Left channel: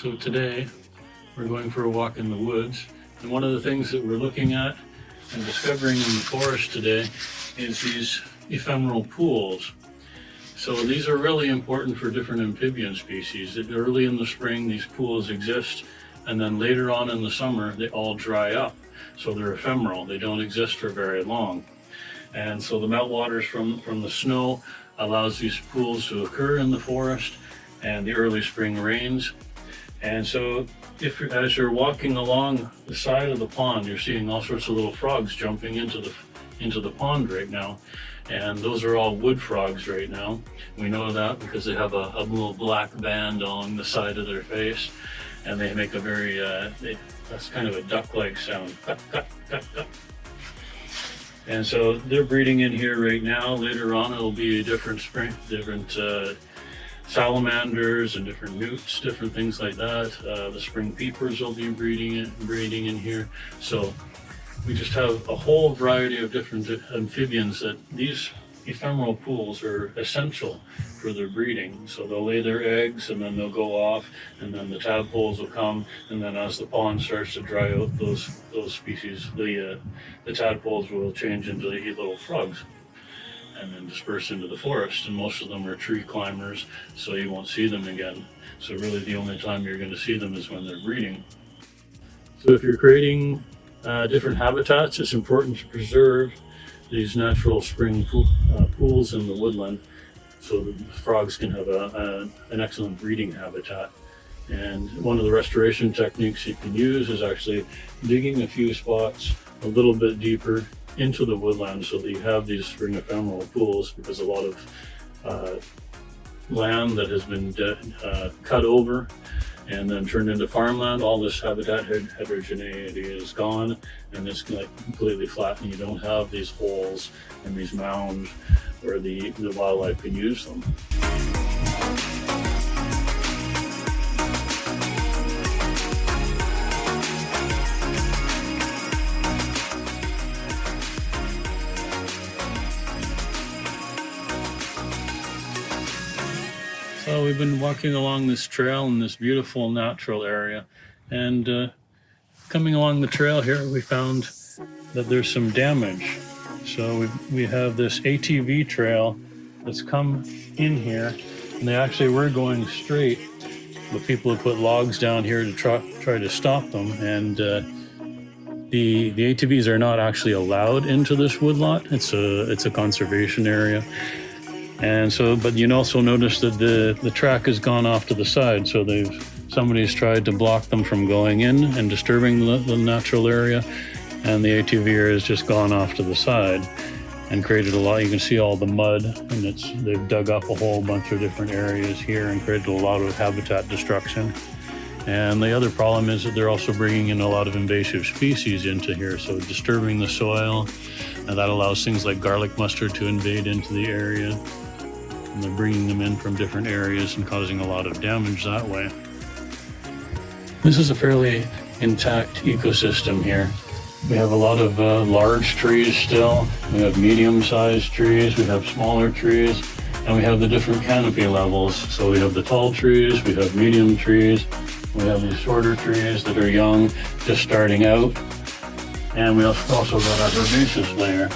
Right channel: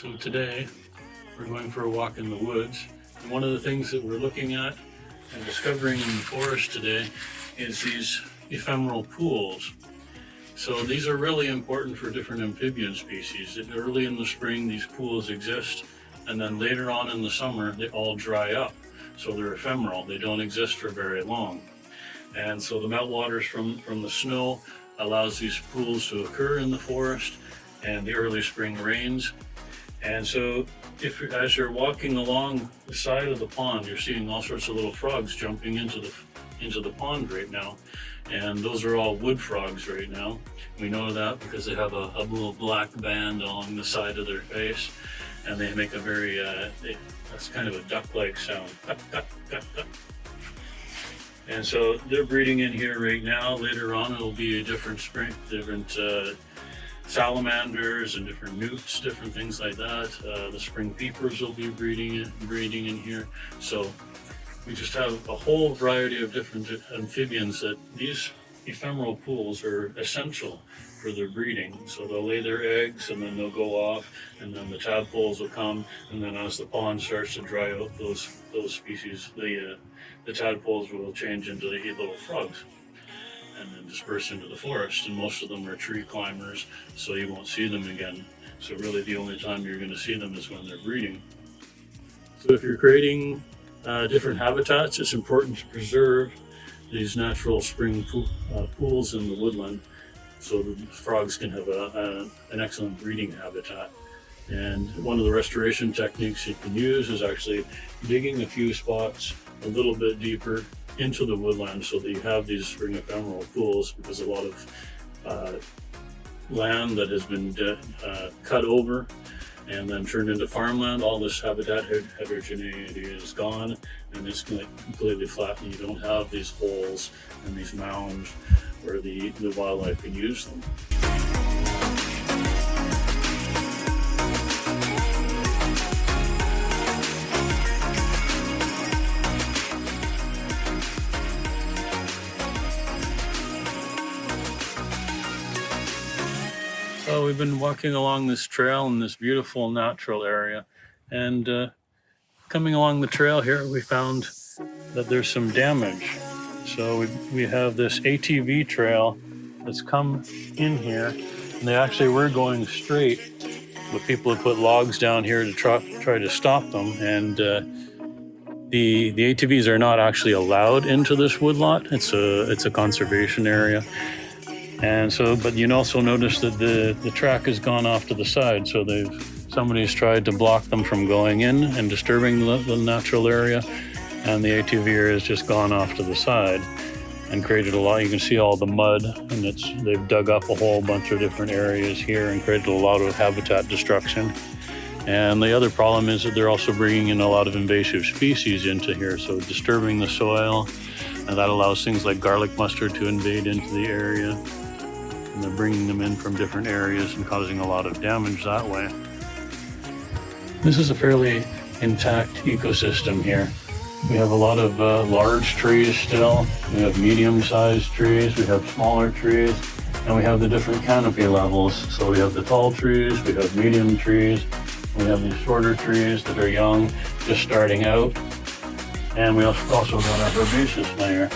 So today we're going for a walk in the woods, and one of the things that we're looking at and discovering in the forest today is these ephemeral pools. So these are really important for different amphibian species. Early in the spring these pools exist, and then later on in the summer they all dry up. So they're ephemeral, they don't exist for very long. And so the meltwaters from the snow allows these pools to occur in the forest, and the early spring rains. And so as you're walking along the side of the pond, you're seeing all sorts of little frogs jumping into the pond right now. And those are all wood frogs right now. We know that because they have a little black band along the side of their face, and they make a very, that's kind of a duck-like sound. And so they're breeding in here right now. Later on it'll be a different salamanders and different newts, different things like that. The spring peepers will be breeding in here. So we just have a whole variety of different amphibians that these ephemeral pools are essential for their breeding. So they'll lay their eggs and then they'll go off, and then the tadpoles will come, and then as the pond starts to dry out, those species, the tadpoles will change into the little frogs and then disperse into the forest. And most of them are tree climbers, so you won't see them again. So really the only time you're going to see them is when they're breeding. So if you're creating different habitats, it's important to preserve these natural spring pools in the woodland so the frogs can have an excellent breeding habitat. And one of the restoration techniques you can use is actually digging a few spots a little bit deeper into the woodland so that you have these spring ephemeral pools, because a lot of land that has been cut over and then turned into farmland, all this habitat heterogeneity is gone, and it's completely flat, and you don't have these holes and these mounds where the wildlife can use them. So we've been walking along this trail in this beautiful natural area, and coming along the trail here we found that there's some damage. So we have this ATV trail that's come in here, and they actually were going straight, but people have put logs down here to try to stop them, and the ATVs are not actually allowed into this woodlot. It's a conservation area. And so, but you also notice that the track has gone off to the side, so somebody's tried to block them from going in and disturbing the natural area, and the ATV has just gone off to the side and created a lot. You can see all the mud, and they've dug up a whole bunch of different areas here and created a lot of habitat destruction. And the other problem is that they're also bringing in a lot of invasive species into here, so disturbing the soil, and that allows things like garlic mustard to invade into the area. And they're bringing them in from different areas and causing a lot of damage that way. This is a fairly intact ecosystem here. We have a lot of large trees still. We have medium-sized trees, we have smaller trees, and we have the different canopy levels. So we have the tall trees, we have medium trees, we have these shorter trees that are young, just starting out. And we also got our herbaceous layer.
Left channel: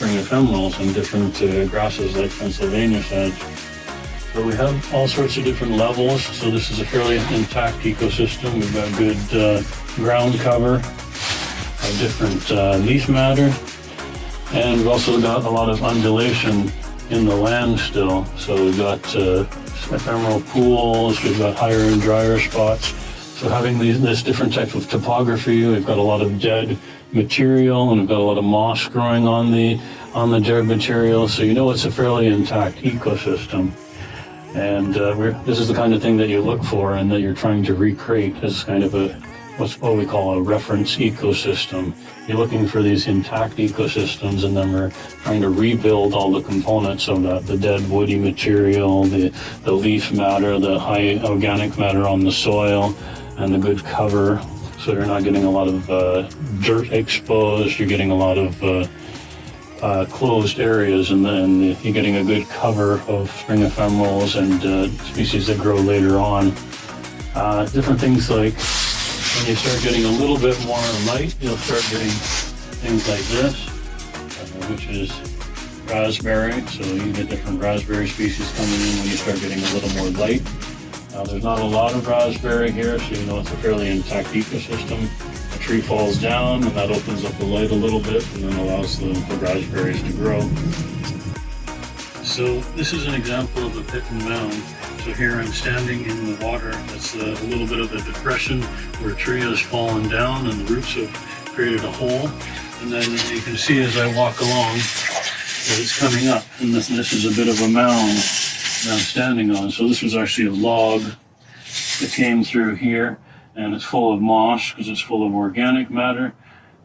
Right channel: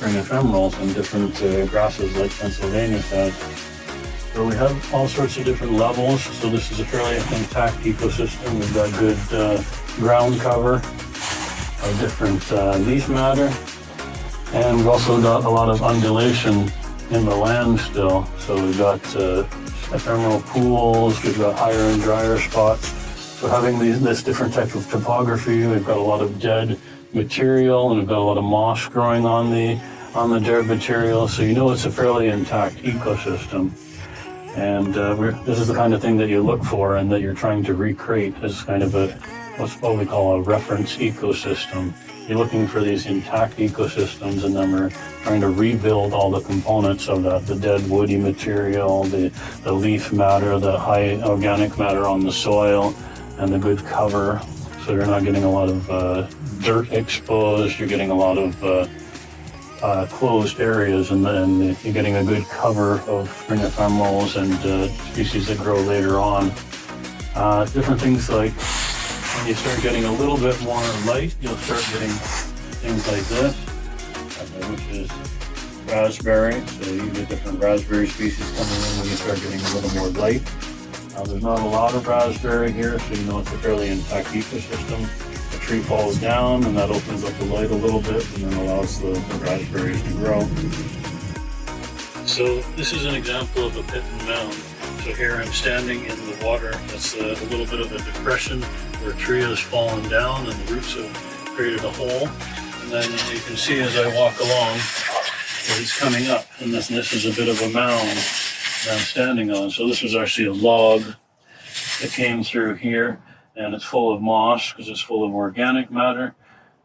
Spring ephemerals and different grasses like Pennsylvania has. So we have all sorts of different levels. So this is a fairly intact ecosystem. We've got good ground cover of different leaf matter, and we've also got a lot of undulation in the land still. So we've got ephemeral pools, we've got higher and drier spots. So having this different type of topography, we've got a lot of dead material, and we've got a lot of moss growing on the dead material, so you know it's a fairly intact ecosystem. And this is the kind of thing that you look for and that you're trying to recreate as kind of what we call a reference ecosystem. You're looking for these intact ecosystems, and then we're trying to rebuild all the components of that, the dead woody material, the leaf matter, the high organic matter on the soil, and the good cover. So you're not getting a lot of dirt exposed, you're getting a lot of closed areas, and then you're getting a good cover of spring ephemerals and species that grow later on. Different things like when you start getting a little bit more light, you'll start getting things like this, which is raspberry. So you can get different raspberry species coming in when you start getting a little more light. There's not a lot of raspberry here, so you know it's a fairly intact ecosystem. The tree falls down and that opens up the light a little bit and then allows the raspberries to grow. So this is an example of a pit and mound. So here I'm standing in the water. That's a little bit of a depression where a tree has fallen down and the roots have created a hole. And then you can see as I walk along that it's coming up. And this is a bit of a mound that I'm standing on. So this was actually a log that came through here, and it's full of moss because it's full of organic matter.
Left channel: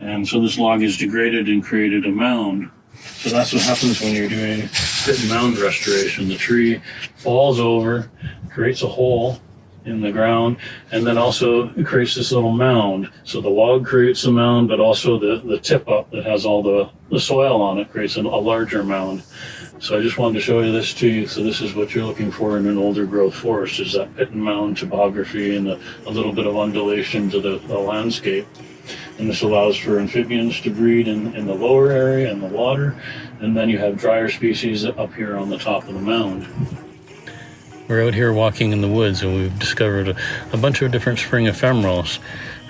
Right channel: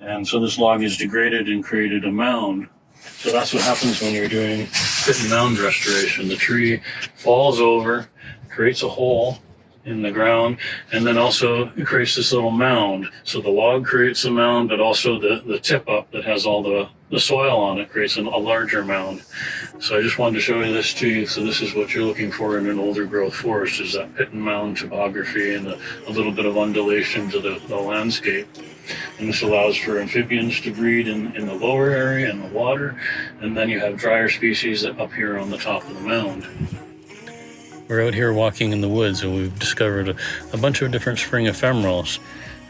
And so this log is degraded and created a mound. So that's what happens when you're doing pit and mound restoration. The tree falls over, creates a hole in the ground, and then also it creates this little mound. So the log creates a mound, but also the tip up that has all the soil on it creates a larger mound. So I just wanted to show you this to you. So this is what you're looking for in an older growth forest, is that pit and mound topography and a little bit of undulation to the landscape. And this allows for amphibians to breed in the lower area in the water, and then you have drier species up here on the top of the mound. We're out here walking in the woods and we've discovered a bunch of different spring ephemerals,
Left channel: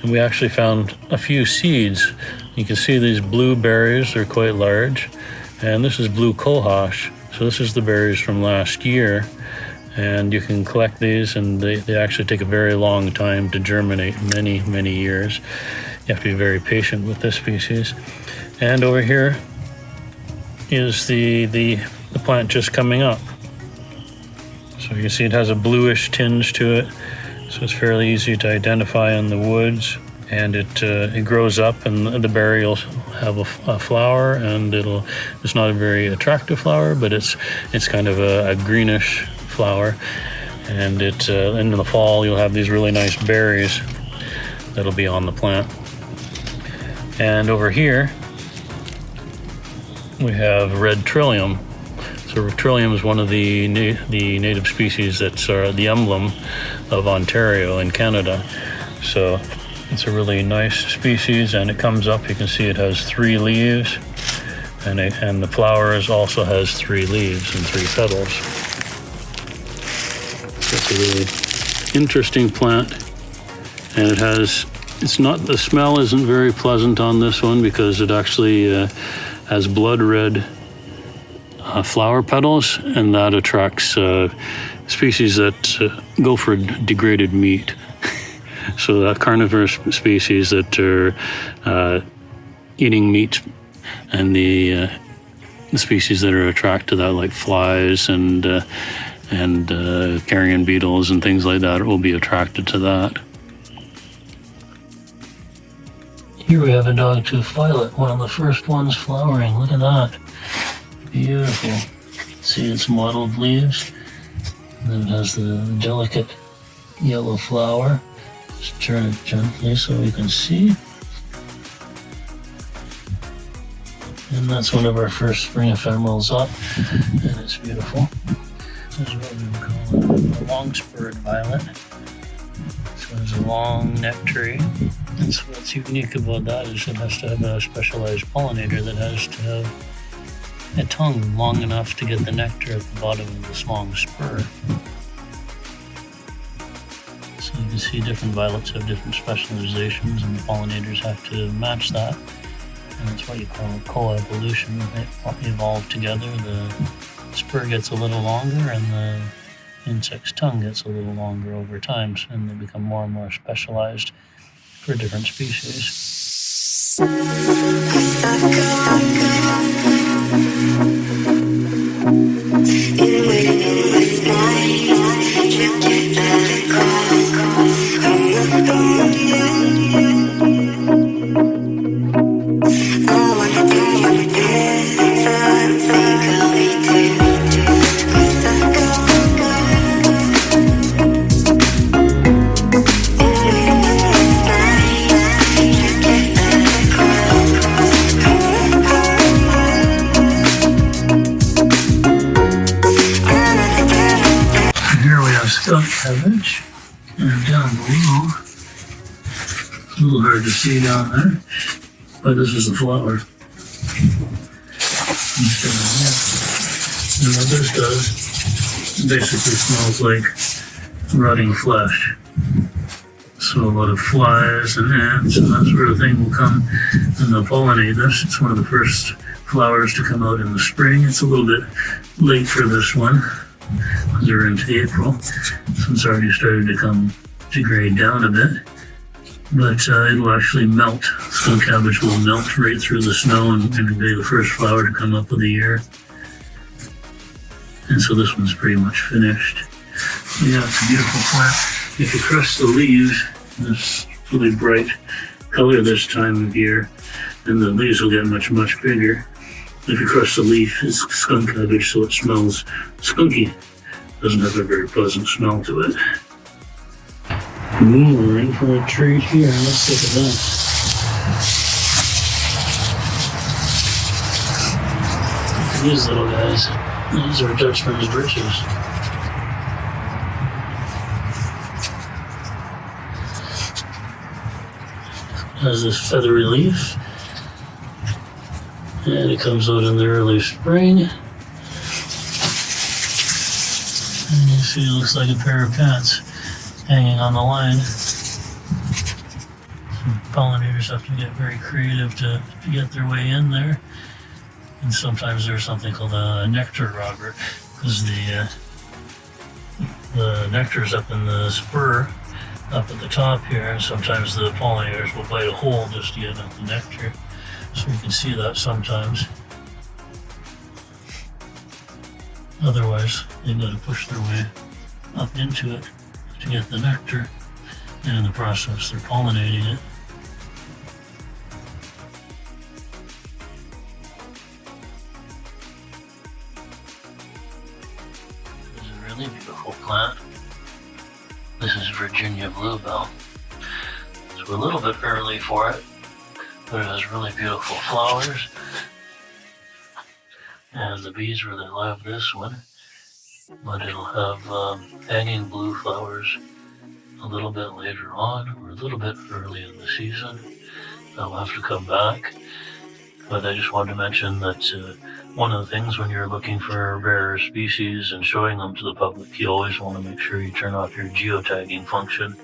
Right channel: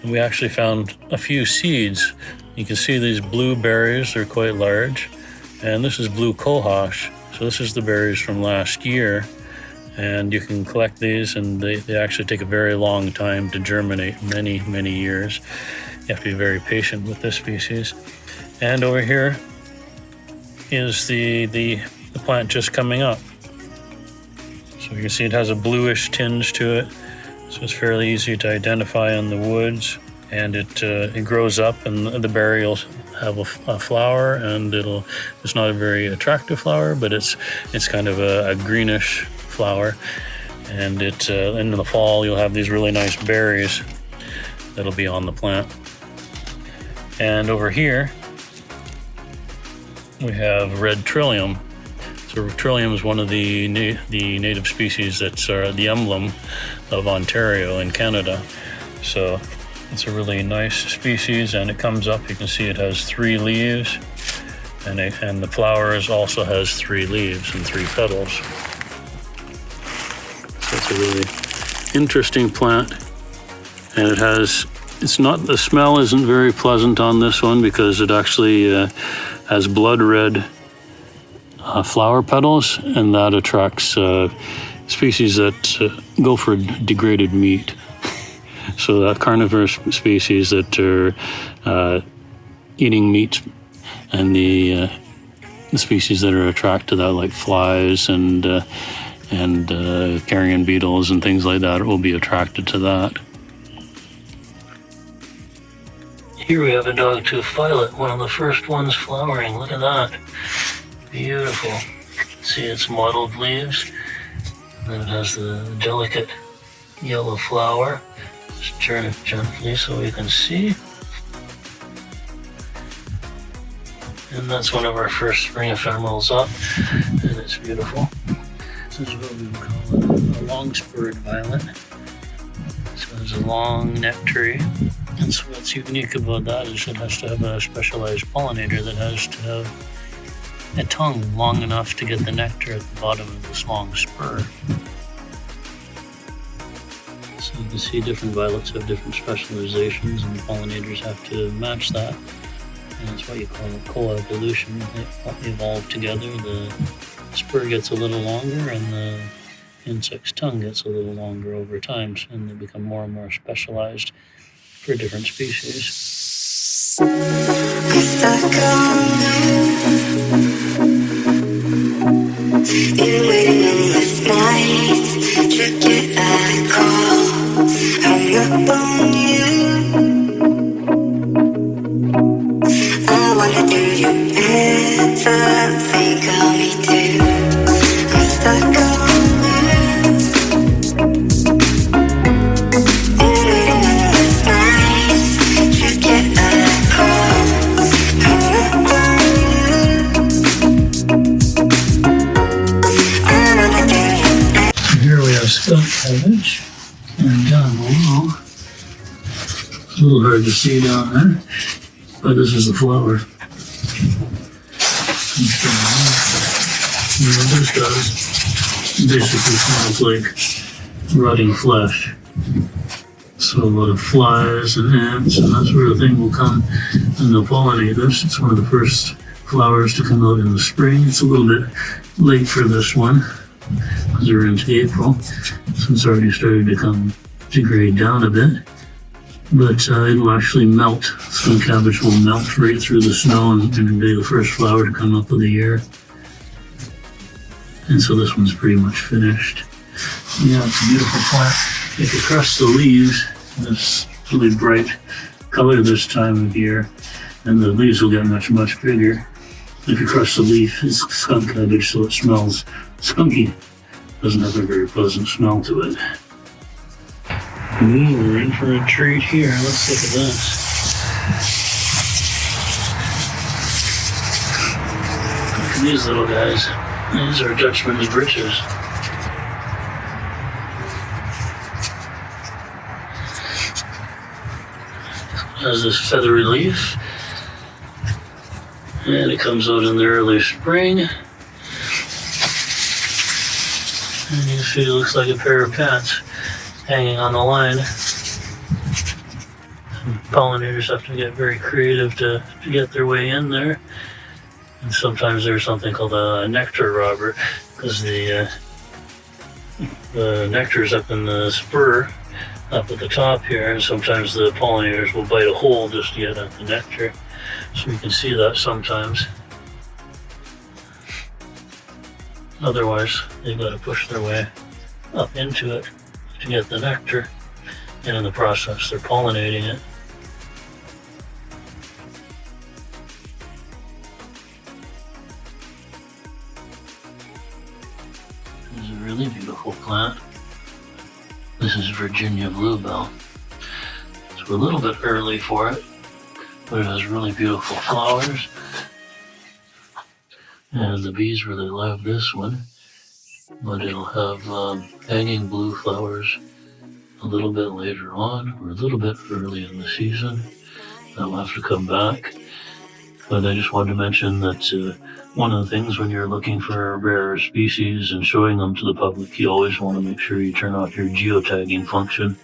and we actually found a few seeds. You can see these blue berries, they're quite large, and this is blue cohosh. So this is the berries from last year, and you can collect these, and they actually take a very long time to germinate, many years. You have to be very patient with this species. And over here is the plant just coming up. So you can see it has a bluish tinge to it, so it's fairly easy to identify in the woods. And it grows up, and the berry will have a flower, and it's not a very attractive flower, but it's kind of a greenish flower. And in the fall you'll have these really nice berries that'll be on the plant. And over here we have red trillium. So trillium is one of the native species that's the emblem of Ontario in Canada. So it's a really nice species, and it comes up. You can see it has 3 leaves, and the flowers also has 3 leaves and 3 petals. So it's a really interesting plant, and the smell isn't very pleasant on this one because it actually has blood red flower petals, and that attracts species that go for degraded meat. So that carnivorous species that are eating meat, and the species that are attracted to that, like flies and carrion beetles and things like that, will be attracted to that. Here we have a dogtooth violet, one of the first ones flowering. Look at that. Beautiful. See its mottled leaves. And then it has the delicate yellow flower. Just turn it gently so we can see. And that's one of our first spring ephemerals up. And it's beautiful. This is what we call a long-spurred violet. So it's a long neck tree. And so what's unique about that is it has to have a specialized pollinator that has to have a tongue long enough to get the nectar at the bottom of this long spur. So you can see different violets have different specializations, and the pollinators have to match that. And that's what you call coevolution. They evolve together. The spur gets a little longer, and the insect's tongue gets a little longer over time, and they become more and more specialized for different species. Been waiting endless nights to get that call. Hung up on you. I wonder, do you ever think of me too? I'm stuck on you. Been waiting endless nights to get that call. Hung up on you. Here we have skunk cabbage. And down below, it's a little hard to see down there, but this is the flower. And what this does basically smells like rotting flesh. So a lot of flies and ants and that sort of thing will come and they'll pollinate this. It's one of the first flowers to come out in the spring. It's a little bit late for this one, because we're into April, so it's already started to degrade down a bit. But it will actually melt. Skunk cabbage will melt right through the snow and be the first flower to come up of the year. And so this one's pretty much finished. Yeah, it's a beautiful plant. If you crush the leaves, this really bright color this time of year, and the leaves will get much, much bigger. If you crush the leaf, it's skunk cabbage, so it smells skunky. Doesn't have a very pleasant smell to it. Ooh, we're in for a treat here. Let's look at this. Look at these little guys. These are Dutchman's breeches. Has this feathery leaf, and it comes out in the early spring. And you see it looks like a pair of pants hanging on the line. Some pollinators have to get very creative to get their way in there. And sometimes there's something called a nectar robber, because the nectar's up in the spur, up at the top here, and sometimes the pollinators will bite a hole just to get at the nectar. So you can see that sometimes. Otherwise, they've got to push their way up into it to get the nectar, and in the process they're pollinating it. It's a really beautiful plant. This is Virginia bluebell. So we're a little bit early for it, but it has really beautiful flowers. And the bees really love this one, but it'll have hanging blue flowers a little bit later on. We're a little bit early in the season. That'll have to come back. But I just wanted to mention that one of the things when you're looking for rare species and showing them to the public, you always want to make sure you turn off your geotagging function,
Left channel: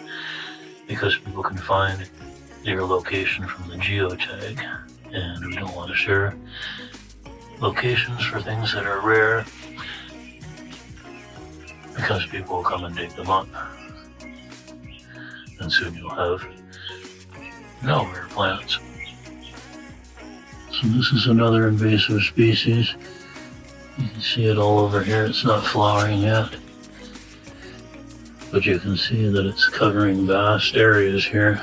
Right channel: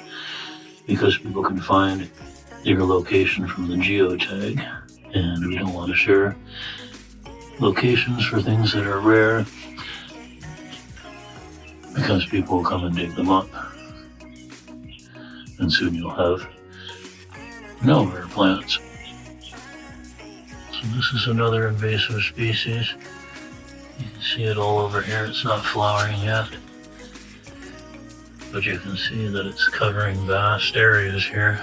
because people can find your location from the geotag, and we don't want to share locations for things that are rare, because people will come and dig them up, and soon you'll have no rare plants. So this is another invasive species. You can see it all over here. It's not flowering yet, but you can see that it's covering vast areas here.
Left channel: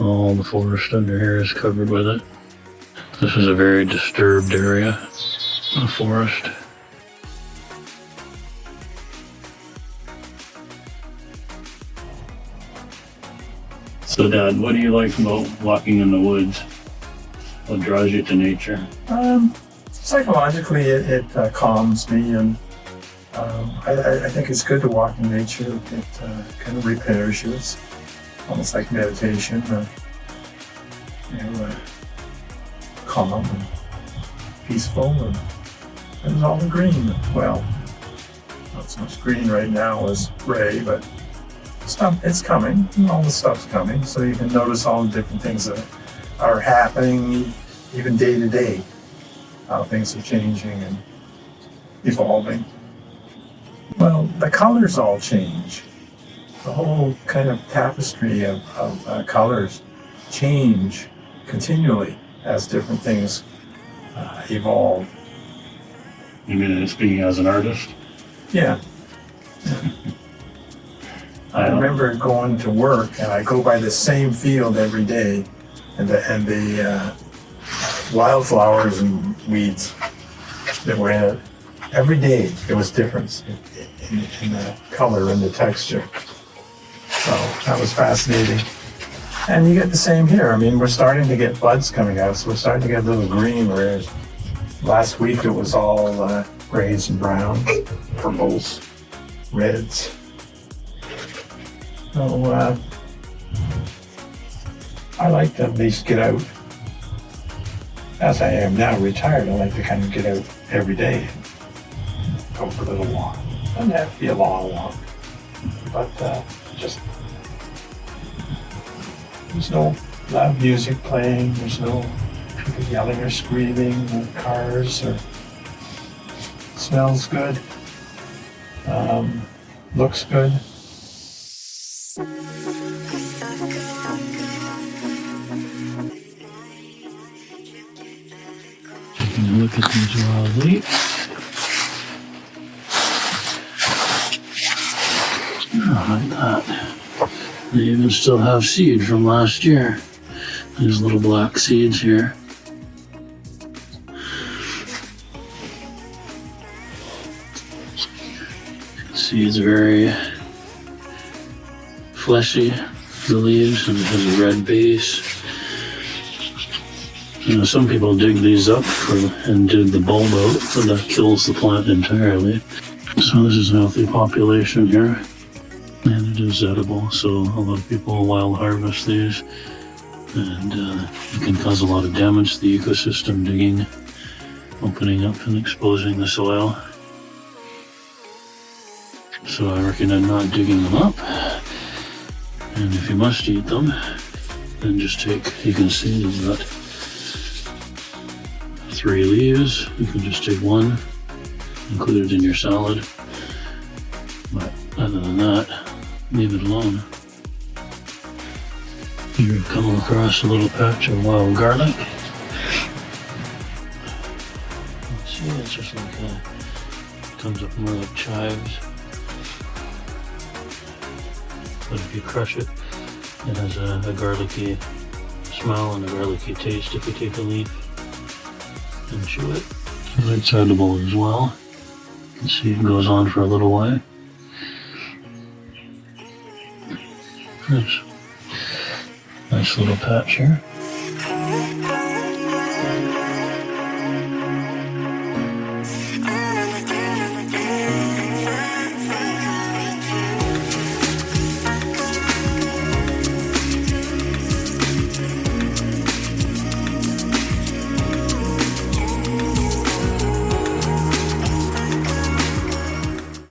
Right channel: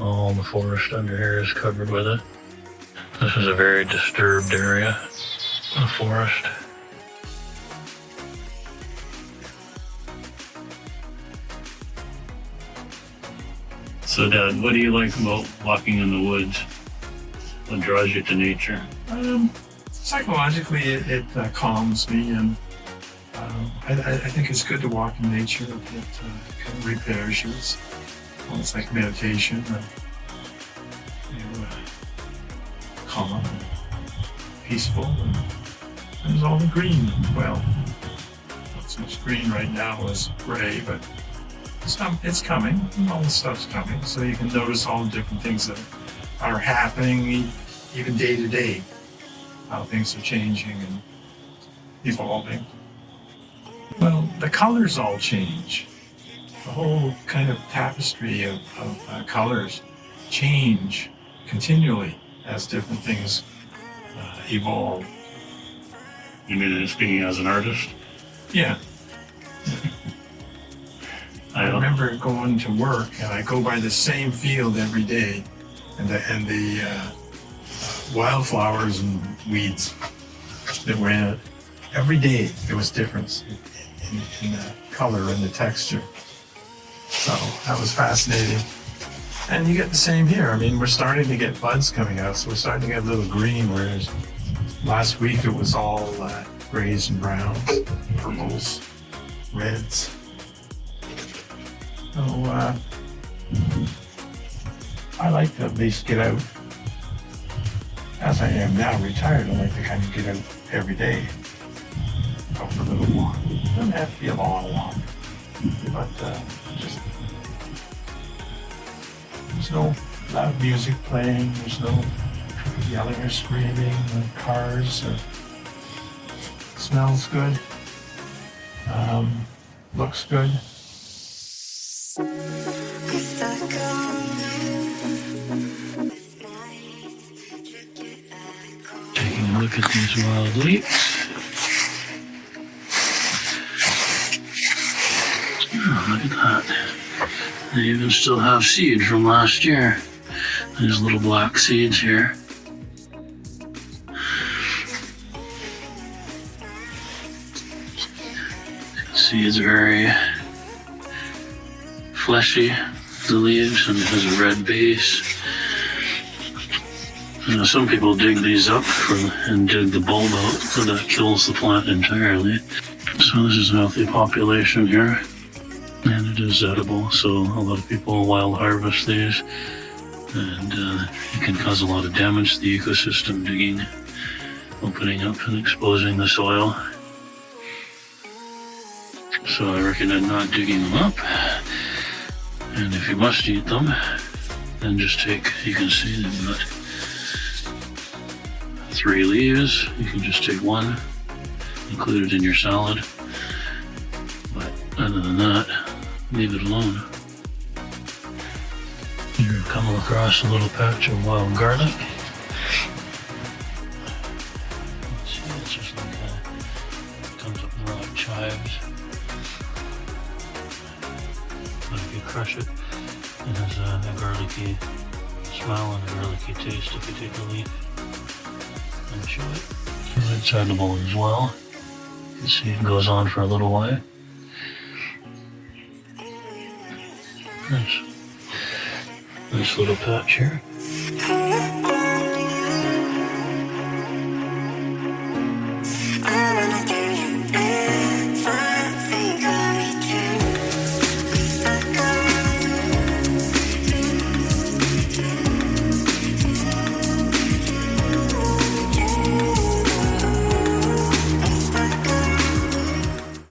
All the forest under here is covered with it. This is a very disturbed area of forest. So Dad, what do you like about walking in the woods? What draws you to nature? Psychologically, it calms me, and I think it's good to walk in nature. It kind of repairs you. It's almost like meditation, calm and peaceful, and there's all the green. Well, not so much green right now as gray, but it's coming. All the stuff's coming, so you can notice all the different things that are happening, even day to day, how things are changing and evolving. Well, the colors all change. The whole kind of tapestry of colors change continually as different things evolve. You mean speaking as an artist? Yeah. I remember going to work, and I go by the same field every day, and the wildflowers and weeds that were in it. Every day there was difference in the color and the texture. So that was fascinating. And you get the same here. I mean, we're starting to get buds coming out, so we're starting to get a little green, whereas last week it was all grays and browns, purples, reds. So I like to at least get out. As I am now retired, I like to kind of get out every day, go for a little walk. Doesn't have to be a long walk, but just there's no loud music playing. There's no people yelling or screaming, no cars. Smells good. Looks good. Taking a look at these wild leeks. Oh, look at that. They even still have seed from last year. There's little black seeds here. Seeds very fleshy, the leaves, and it has a red base. You know, some people dig these up and dig the bulb out, but that kills the plant entirely. So this is a healthy population here, and it is edible, so a lot of people wild harvest these, and it can cause a lot of damage to the ecosystem, digging, opening up and exposing the soil. So I recommend not digging them up, and if you must eat them, then just take, you can see they've got 3 leaves. You can just take one, include it in your salad, but other than that, leave it alone. You've come across a little patch of wild garlic. Let's see, it's just like it comes up more like chives. But if you crush it, it has a garlicky smell and a garlicky taste if you take a leaf and chew it. So it's edible as well. You can see it goes on for a little while. Nice little patch here.